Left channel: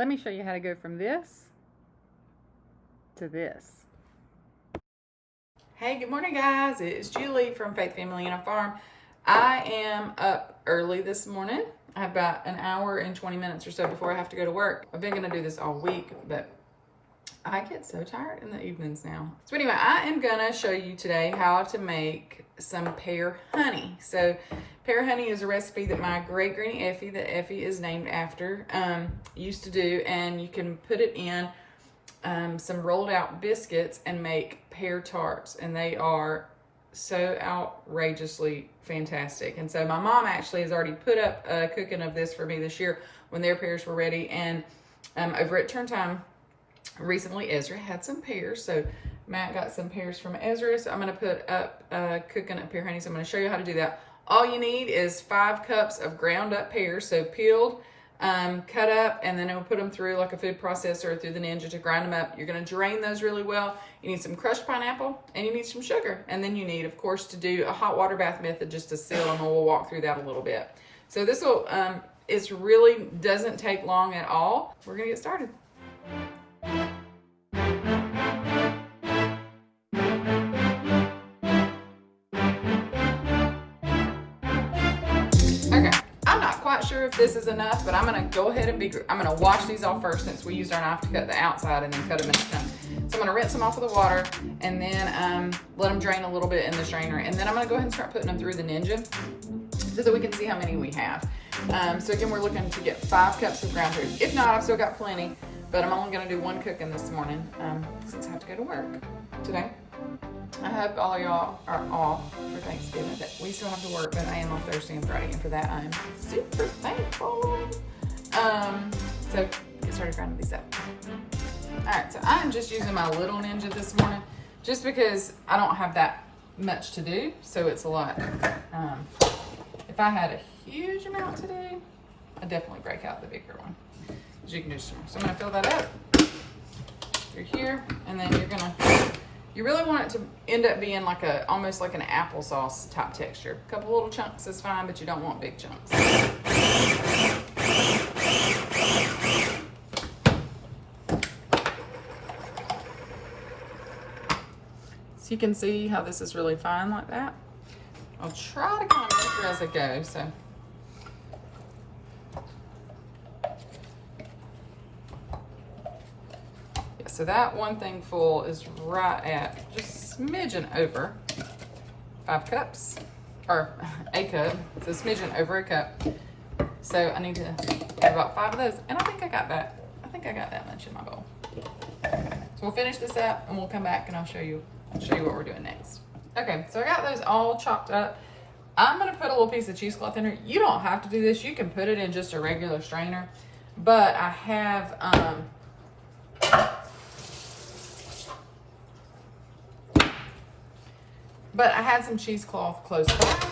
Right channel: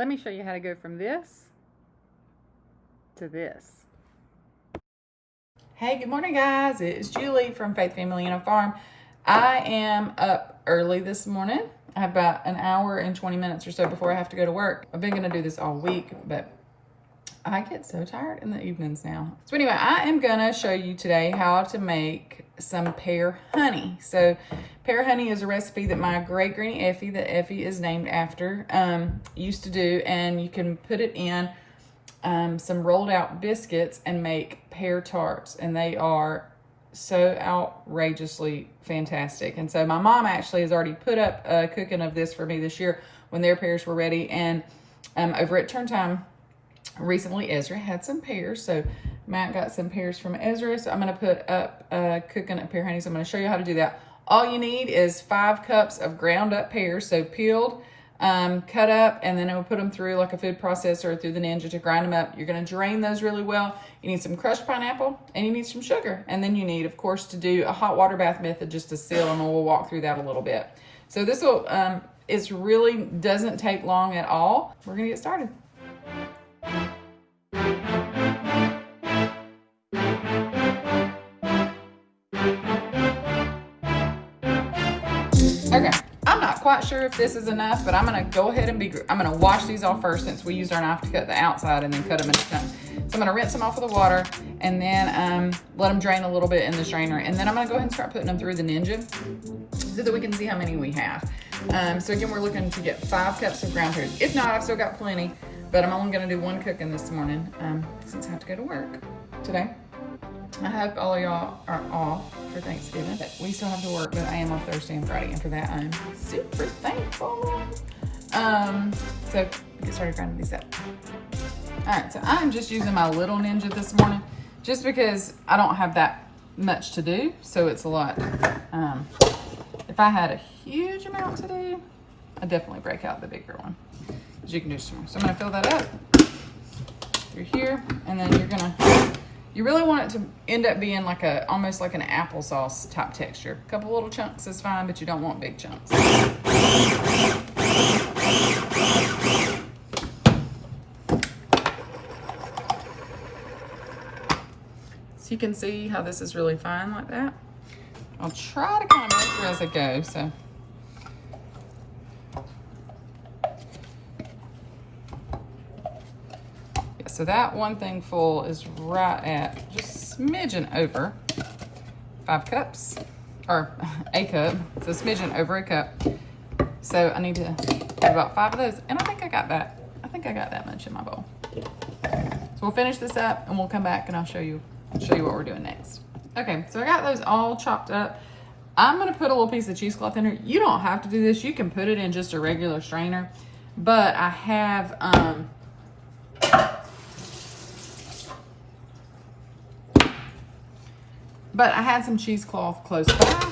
Let me show you how to go from this to this. Hey, good morning guys. It's Julie from Faith Family and a Farm. I am up early this morning. I have about an hour and 20 minutes or so before I have to go to work. I've been gonna do this all week, but I get so tired in the evenings now. So anyway, I am gonna show you today how to make some pear honey. So pear honey is a recipe that my great granny Effie, that Effie is named after, used to do, and you can put it in some rolled out biscuits and make pear tarts, and they are so outrageously fantastic. And so my mom actually has already put up a cooking of this for me this year when their pears were ready. And over at Turn Time recently, Ezra had some pears, so Matt got some pears from Ezra. So I'm going to put up cooking up pear honey. So I'm going to show you how to do that. All you need is 5 cups of ground up pears, so peeled, cut up, and then we'll put them through like a food processor or through the Ninja to grind them up. You're going to drain those really well. You need some crushed pineapple, and you need some sugar. And then you need, of course, to do a hot water bath method just to seal, and we'll walk through that a little bit. So this will, it really doesn't take long at all. We're going to get started. Okay, I'm not quite sure if this is enough, but I'm gonna go ahead and I'm gonna wash these off first since we used our knife to cut the outside and then cut them into chunks. So I'm gonna rinse them off with the water and then let them drain a little bit in the strainer. And then I'm gonna go ahead and start putting them through the Ninja so that we can see how many we have. So again, we're looking to get 5 cups of ground pears. If not, I've still got plenty, but I'm only gonna do 1 cooking this morning since I have to go to work today. I hope all of y'all are off for Thanksgiving. We still have to work, but I am off Thursday and Friday, and for that I'm super thankful. So get started grinding these up. All right, so I'm just using my little Ninja this morning, just because I don't have that much to do, so it's a lot. If I had a huge amount to do, I'd definitely break out the bigger one, as you can do some more. So I'm gonna fill that up through here, and then you really want it to end up being like almost like an applesauce type texture. A couple little chunks is fine, but you don't want big chunks. So you can see how this is really fine like that. I'll try to kind of measure as I go, so. So that one thing full is right at just smidgen over 5 cups, or a cup. So smidgen over a cup. So I need to have about 5 of those, and I think I got that. I think I got that much in my bowl. So we'll finish this up, and we'll come back, and I'll show you what we're doing next. Okay, so I got those all chopped up. I'm gonna put a little piece of cheesecloth in there. You don't have to do this. You can put it in just a regular strainer, but I have But I had some cheesecloth close by,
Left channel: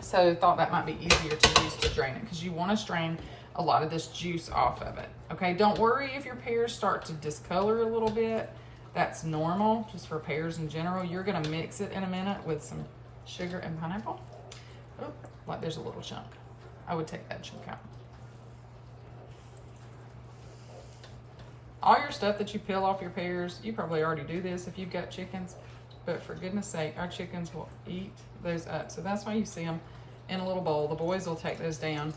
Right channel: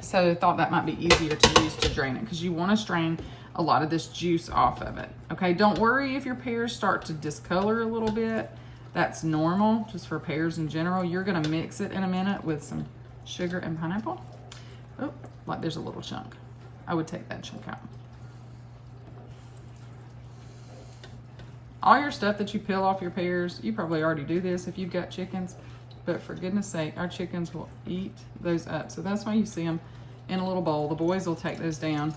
so I thought that might be easier to use to drain it, because you want to strain a lot of this juice off of it. Okay, don't worry if your pears start to discolor a little bit. That's normal, just for pears in general. You're going to mix it in a minute with some sugar and pineapple. Oh, like there's a little chunk. I would take that chunk out. All your stuff that you peel off your pears, you probably already do this if you've got chickens. But for goodness sake, our chickens will eat those up. So that's why you see them in a little bowl. The boys will take those down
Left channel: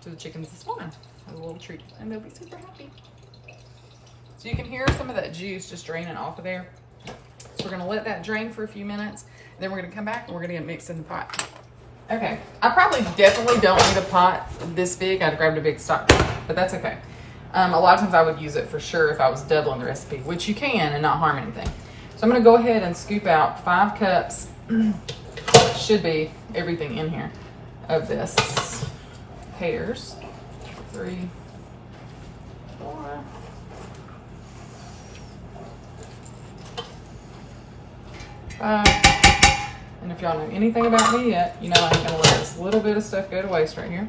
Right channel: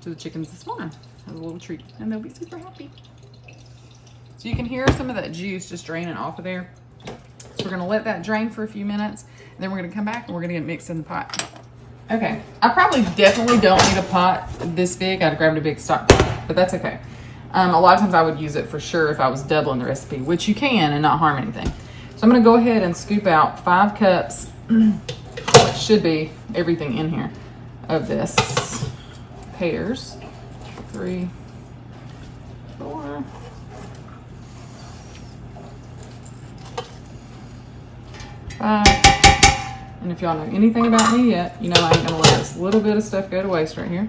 to the chickens this morning as a little treat, and they'll be super happy. So you can hear some of that juice just draining off of there. So we're gonna let that drain for a few minutes, and then we're gonna come back and we're gonna get it mixed in the pot. Okay, I probably definitely don't need a pot this big. I'd grabbed a big stock pot, but that's okay. A lot of times I would use it for sure if I was doubling the recipe, which you can and not harm anything. So I'm gonna go ahead and scoop out 5 cups, which should be everything in here, of this pears. 3, 4. 5. And if y'all know anything about me yet, you know I ain't gonna let this little bit of stuff go to waste right here.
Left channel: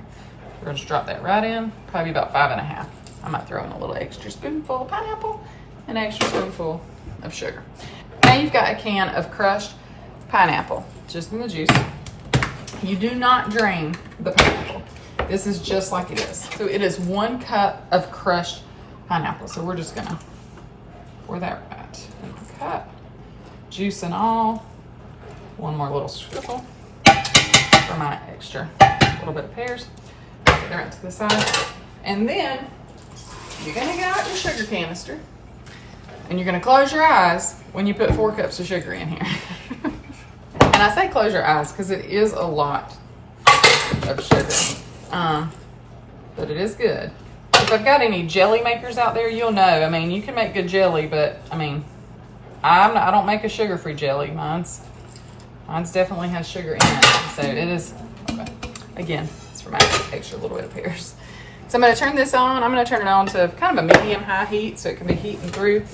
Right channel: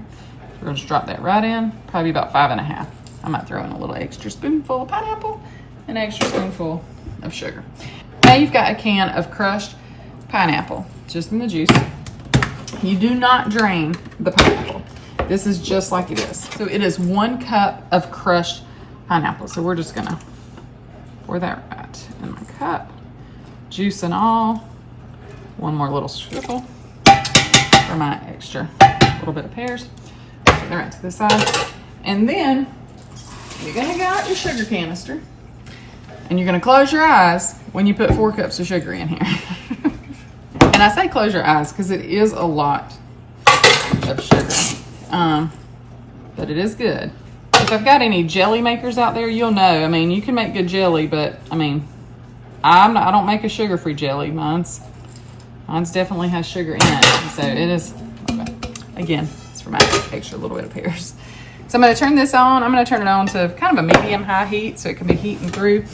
We're gonna just drop that right in, probably about 5.5. I might throw in a little extra spoonful of pineapple, an extra spoonful of sugar. Now you've got a can of crushed pineapple, just in the juice. You do not drain the pineapple. This is just like it is. So it is 1 cup of crushed pineapple. So we're just gonna pour that right in my cup. Juice and all. One more little sprinkle for my extra little bit of pears. Put that right to the side. And then you're gonna get out your sugar canister and you're gonna close your eyes when you put 4 cups of sugar in here. And I say close your eyes because it is a lot of sugar, but it is good. If I've got any jelly makers out there, you'll know. I mean, you can make good jelly, but I mean, I don't make a sugar-free jelly. Mine's definitely has sugar in it, so it is. Okay. Again, it's for my extra little bit of pears. So I'm going to turn this on. I'm going to turn it on to kind of a medium-high heat so it can be heating through.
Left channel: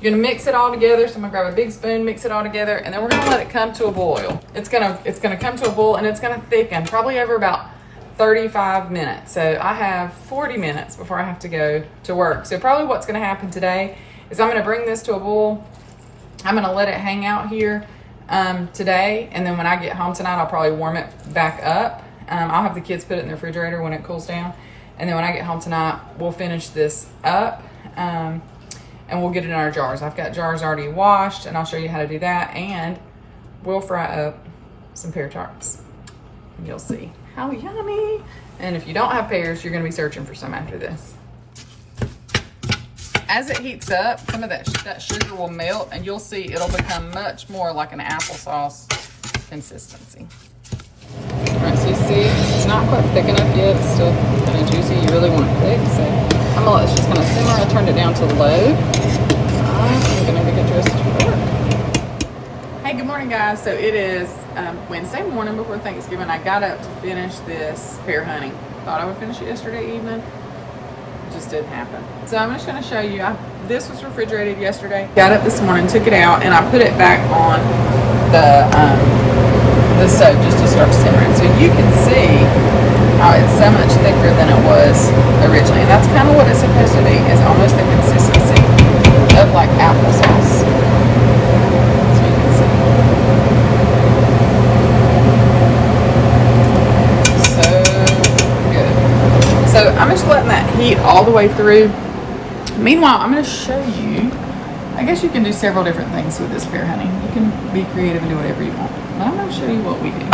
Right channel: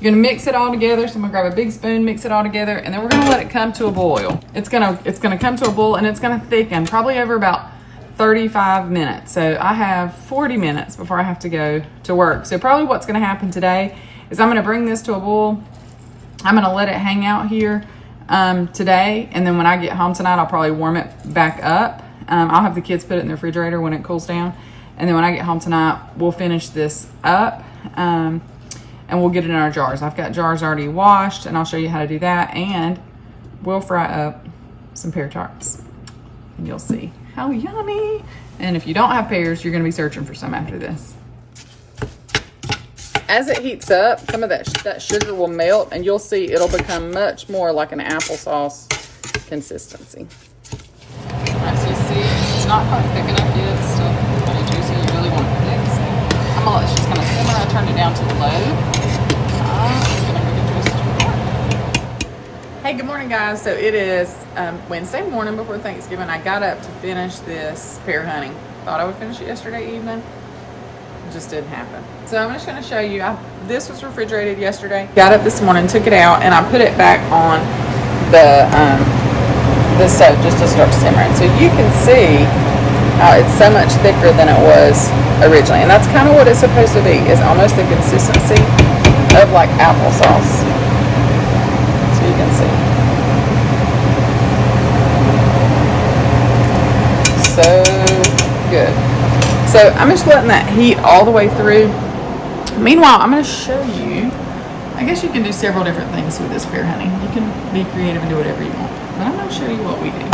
You're going to mix it all together. So I'm going to grab a big spoon, mix it all together, and then we're going to let it come to a boil. It's going to come to a boil, and it's going to thicken probably over about 35 minutes. So I have 40 minutes before I have to go to work. So probably what's going to happen today is I'm going to bring this to a boil. I'm going to let it hang out here today, and then when I get home tonight, I'll probably warm it back up. I'll have the kids put it in the refrigerator when it cools down. And then when I get home tonight, we'll finish this up and we'll get it in our jars. I've got jars already washed, and I'll show you how to do that. And we'll fry up some pear tarts. And you'll see how yummy. And if you don't have pears, you're going to be searching for some after this. As it heats up, some of that sugar will melt, and you'll see it'll become much more like an applesauce consistency. All right, so you see it's not quite thick enough yet. It's still kind of juicy. You really want it thick, so I'm gonna let it's just gonna simmer. I turned it down to low. I'm gonna go get dressed for work. Hey, good morning, guys. So it is Wednesday morning before Thanksgiving. I got up to finish this pear honey. Thought I would finish it yesterday evening. It just didn't happen. So I'm just gonna show you. This was refrigerated yesterday. Got up this morning, took it out, and I put it back on the stove just to start simmering. So you can see how it's so much thicker than it was originally. And that's kind of what it's supposed to be, is almost the consistency of like applesauce. So you can see. So good. So I'm just letting that heat all the way through. Meanwhile, I'm going to show you, I guess you can do several different things with this pear honey. You can be creative and do whatever you want. But I'm going to show you what we do.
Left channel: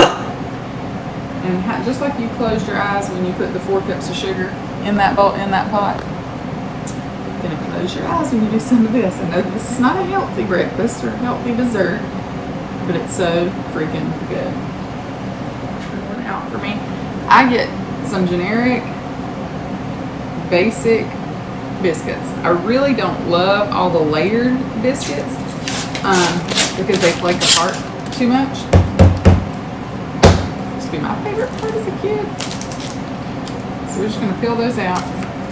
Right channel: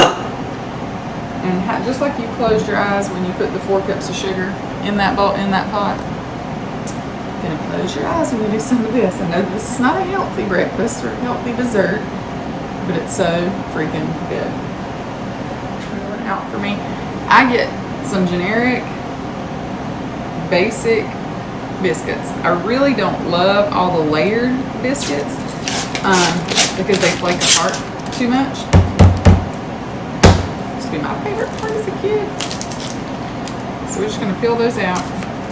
And just like you closed your eyes when you put the 4 cups of sugar in that bowl, in that pot, you're going to close your eyes when you do some of this. I know this is not a healthy breakfast or healthy dessert, but it's so freaking good. Rolling out for me. I get some generic, basic biscuits. I really don't love all the layered biscuits because they flake apart too much. Used to be my favorite part as a kid. So we're just gonna peel those out.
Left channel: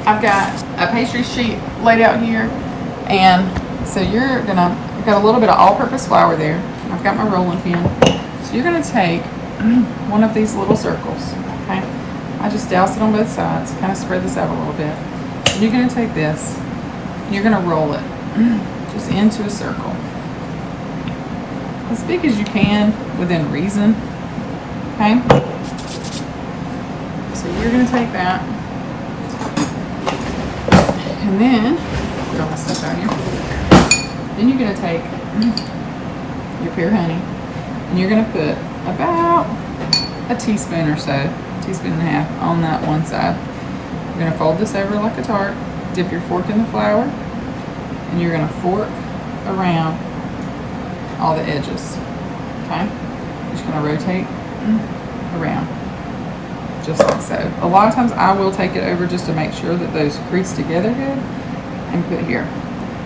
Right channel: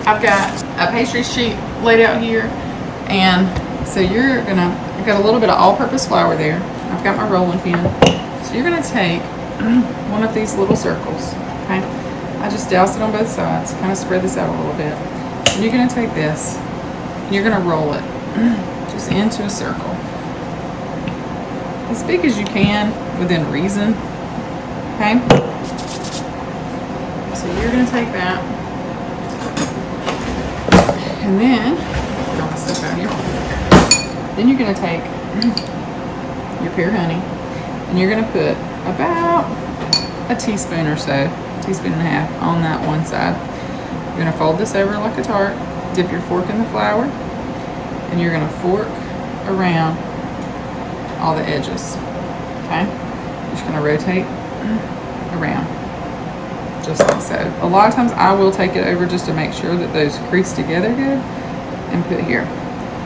I've got a pastry sheet laid out here, and so I've got a little bit of all-purpose flour there. I've got my rolling pin. So you're gonna take one of these little circles, okay? I just douse it on both sides, kind of spread this out a little bit. And you're gonna take this, and you're gonna roll it just into a circle. As big as you can within reason, okay? So you're gonna take that, and then, throw my stuff out here. Then you're gonna take your pear honey, and you're gonna put about a teaspoon or so, teaspoon and a half on that one side. You're gonna fold this over like a tart, dip your fork in the flour, and you're gonna fork around all the edges, okay? You're just gonna rotate around, just like so. A lot of times I will take it over just to make sure that those crease together good, and put here.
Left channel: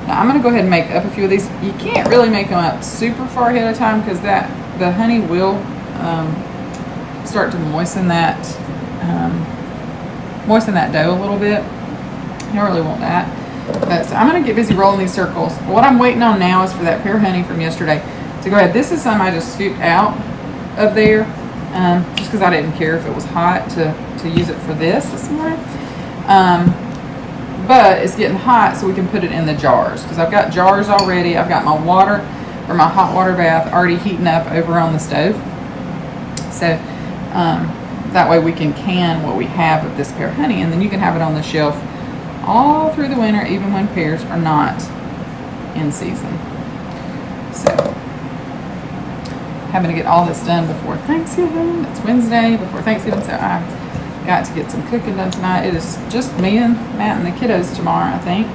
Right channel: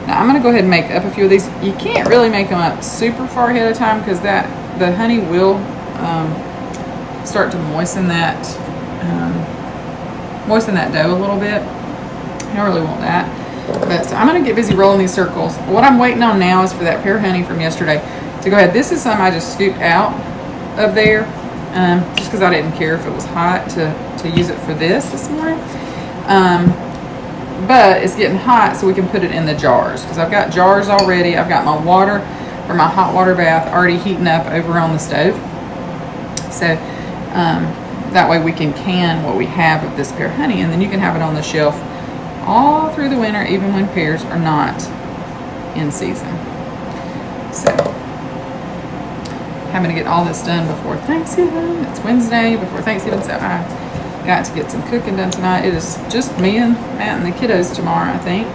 Now I'm gonna go ahead and make up a few of these. You can't really make them up super far ahead of time because the honey will start to moisten that dough a little bit. You don't really want that. But so I'm gonna get busy rolling these circles. What I'm waiting on now is for that pear honey from yesterday to go ahead. This is some I just scooped out of there, just because I didn't care if it was hot to use it for this morning. But it's getting hot, so we can put it in the jars, because I've got jars already. I've got my water for my hot water bath already heating up over on the stove. So That way we can can what we have of this pear honey, and then you can have it on the shelf all through the winter, even when pears are not in season. So, having to get all this done before Thanksgiving. It's Wednesday before Thanksgiving, so I got to get some cooking done tonight. It is just me and Matt and the kiddos tomorrow, I think.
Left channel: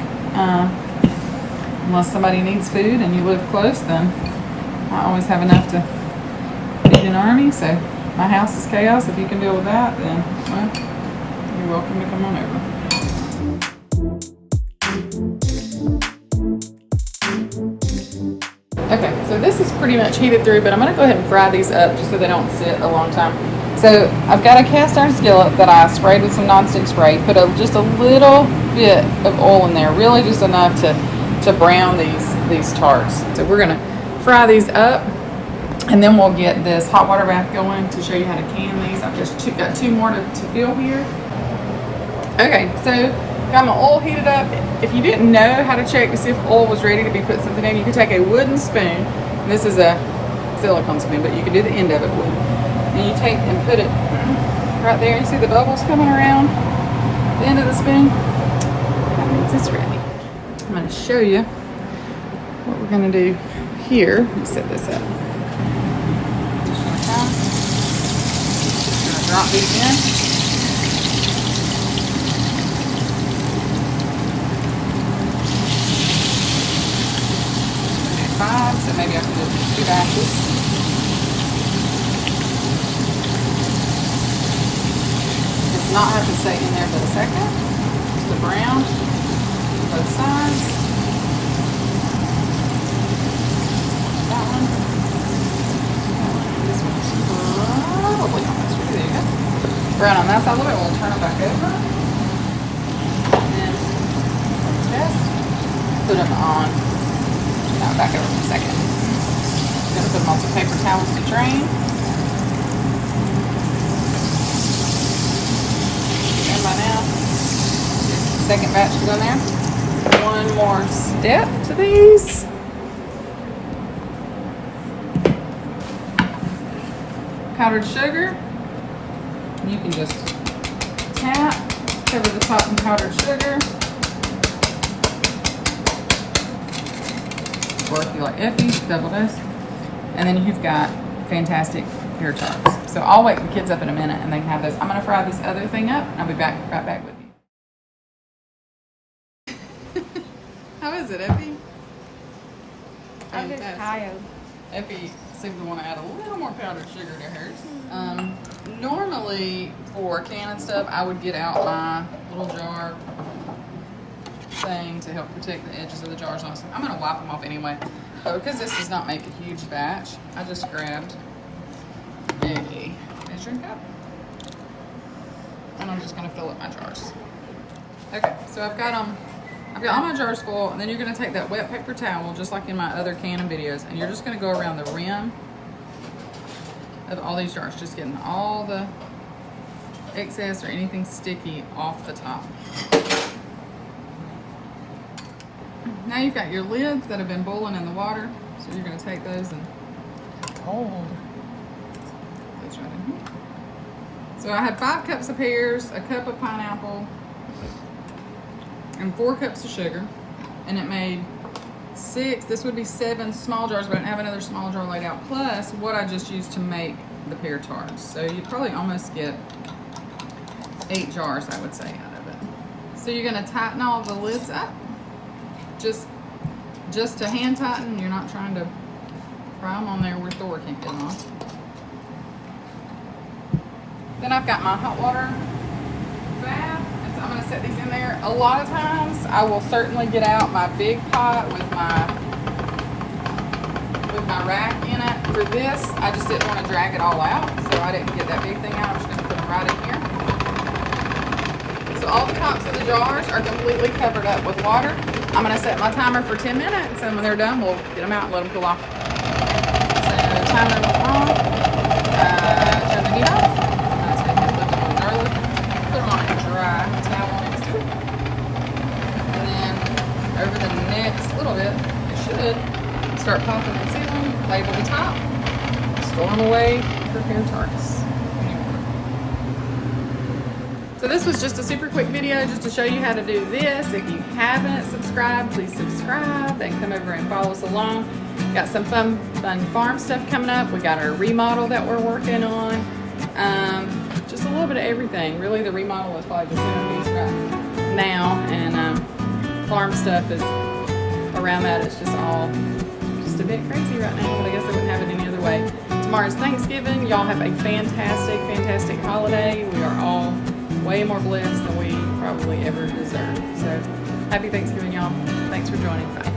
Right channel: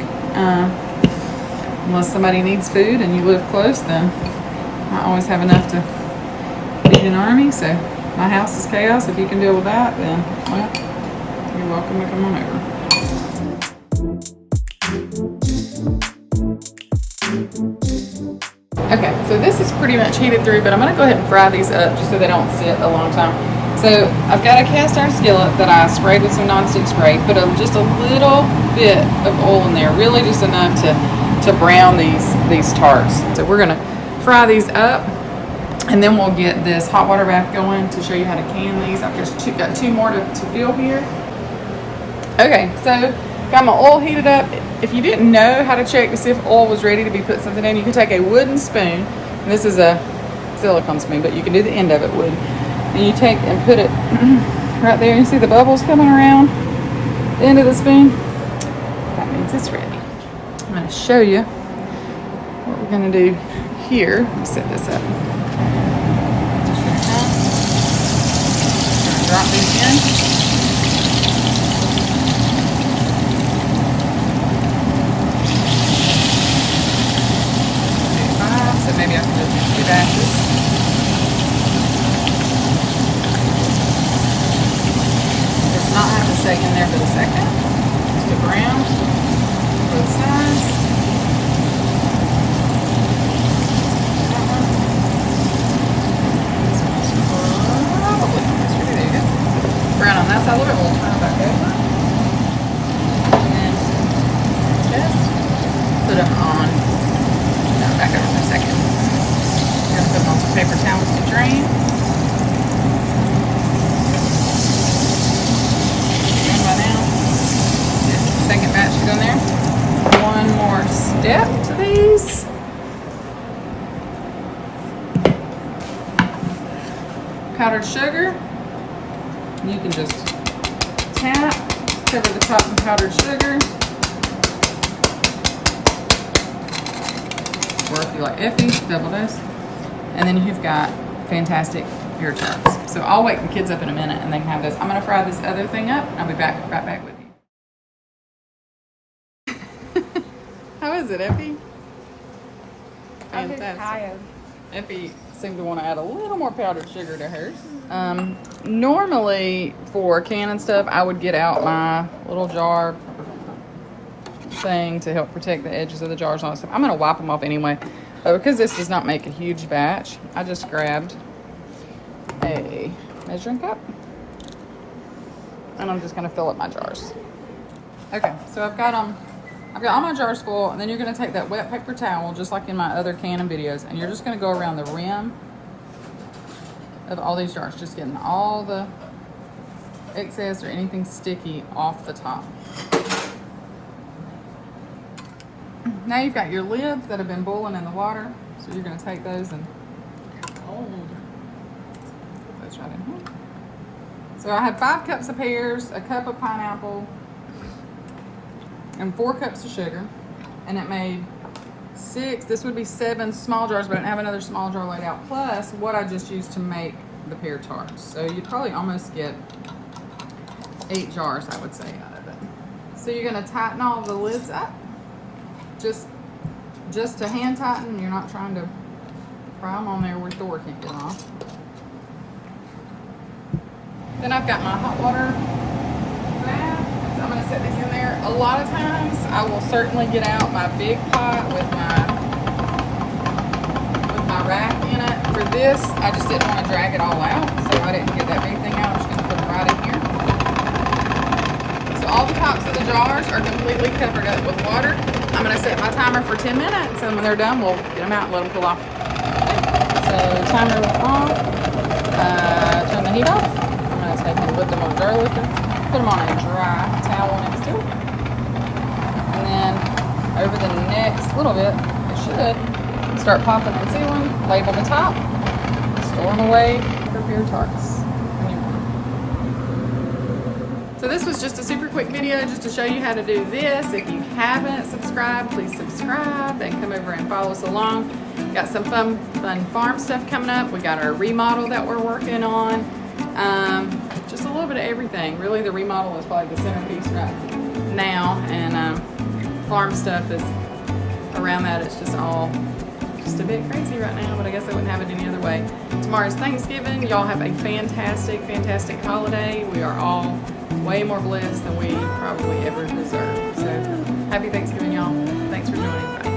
Unless somebody needs food and you live close, then I always have enough to feed an army. So my house is chaos. If you can deal with that, then, well, you're welcome to come on over. Okay, so this is pretty much heated through, but I'm going to go ahead and fry these up just so they don't sit a long time. So I've got a cast iron skillet that I sprayed with some nonstick spray. Put just a little bit of oil in there, really just enough to brown these tarts. So we're going to fry these up, and then we'll get this hot water bath going to show you how to can these. I've just got two more to fill here. Okay, so got my oil heated up. If you didn't know how to check to see if oil was ready to be put something in, you can take a wooden spoon. This is a silicone spoon, but you can do the end of it with. And you take and put it right there. You see the bubbles coming around the end of the spoon? That means it's ready. I'm going to show you what we're going to do here. Let me set this up. Just going to drop these in. So maybe I can just do 2 batches. It does not have to stay in there for a second. Just to brown both sides. That one. This one's probably almost ready. There you go. Brown on that side a little bit. We'll turn it back over. And just put them on. Back over for a second. I'm going to put them on some paper towels to drain. And by now, get the second batch to go in there. One more step to these. Powdered sugar. You can just tap, cover the top in powdered sugar. Or if you like Effie, double dose. And then you've got fantastic pear tarts. So I'll wake the kids up in a minute and they can have those. I'm going to fry this other thing up. I'll be right back with you. How is it, Effie? I'm just tired. Effie seemed to want to add a little more powdered sugar to hers. Normally for canning stuff, I would get out my little jar thing to help protect the edges of the jars on stuff. I'm going to wipe them off anyway. Because this does not make a huge batch, I just grabbed a measuring cup and I'm just going to fill up my jars. Okay, so I've got all my jars full, and then you're going to take that wet paper towel, just like in my other canning videos, and you're just going to go around the rim of all these jars, just getting all the excess or anything sticky off the top. Now you've got your lids that have been boiling in the water, so you're going to take those and hold those right in here. So I had 5 cups of pears, a cup of pineapple, and 4 cups of sugar, and it made 6, this would be 7 small jars, but I didn't have another small jar laid out, plus what I just used to make the pear tarts. So you probably almost get 8 jars, I would say, out of it. So you're going to tighten all the lids up. Just to hand tighten. You're not trying to fry them on there where Thor can't get off. Then I've got my hot water bath, so I'm going to set these in there. A lot of times I will certainly get out my big pot with my rack in it. For this, I just didn't want to drag it all out, so I didn't get that big thing out. I'm just going to put them right in here. So all the tops of the jars are completely covered up with water. I'm going to set my timer for 10 minutes, and when they're done, we'll get them out and let them cool off. So timer will off. Turn the heat off. I'm going to take and put them on a jar lifter, put them on a dry towel next to it. And then over the next little bit, it should start popping and sealing, wave on the top, store them away for pear tarts when you want them. So this was just a super quick video just to show you how to do this. If you haven't subscribed, please subscribe and come over and follow us along. Got some fun farm stuff coming up. We got our remodel that we're working on. Just a little bit of everything. Really, the remodel is probably the centerpiece right now, and farm stuff is around that. It's just all just a bit crazy right now, but I guess I wouldn't have it any other way. Tomorrow's Thanksgiving. Y'all have a fantastic, fantastic holiday. We are all way more blessed than we probably ever deserve. So happy Thanksgiving, y'all. Thanks for joining. Bye.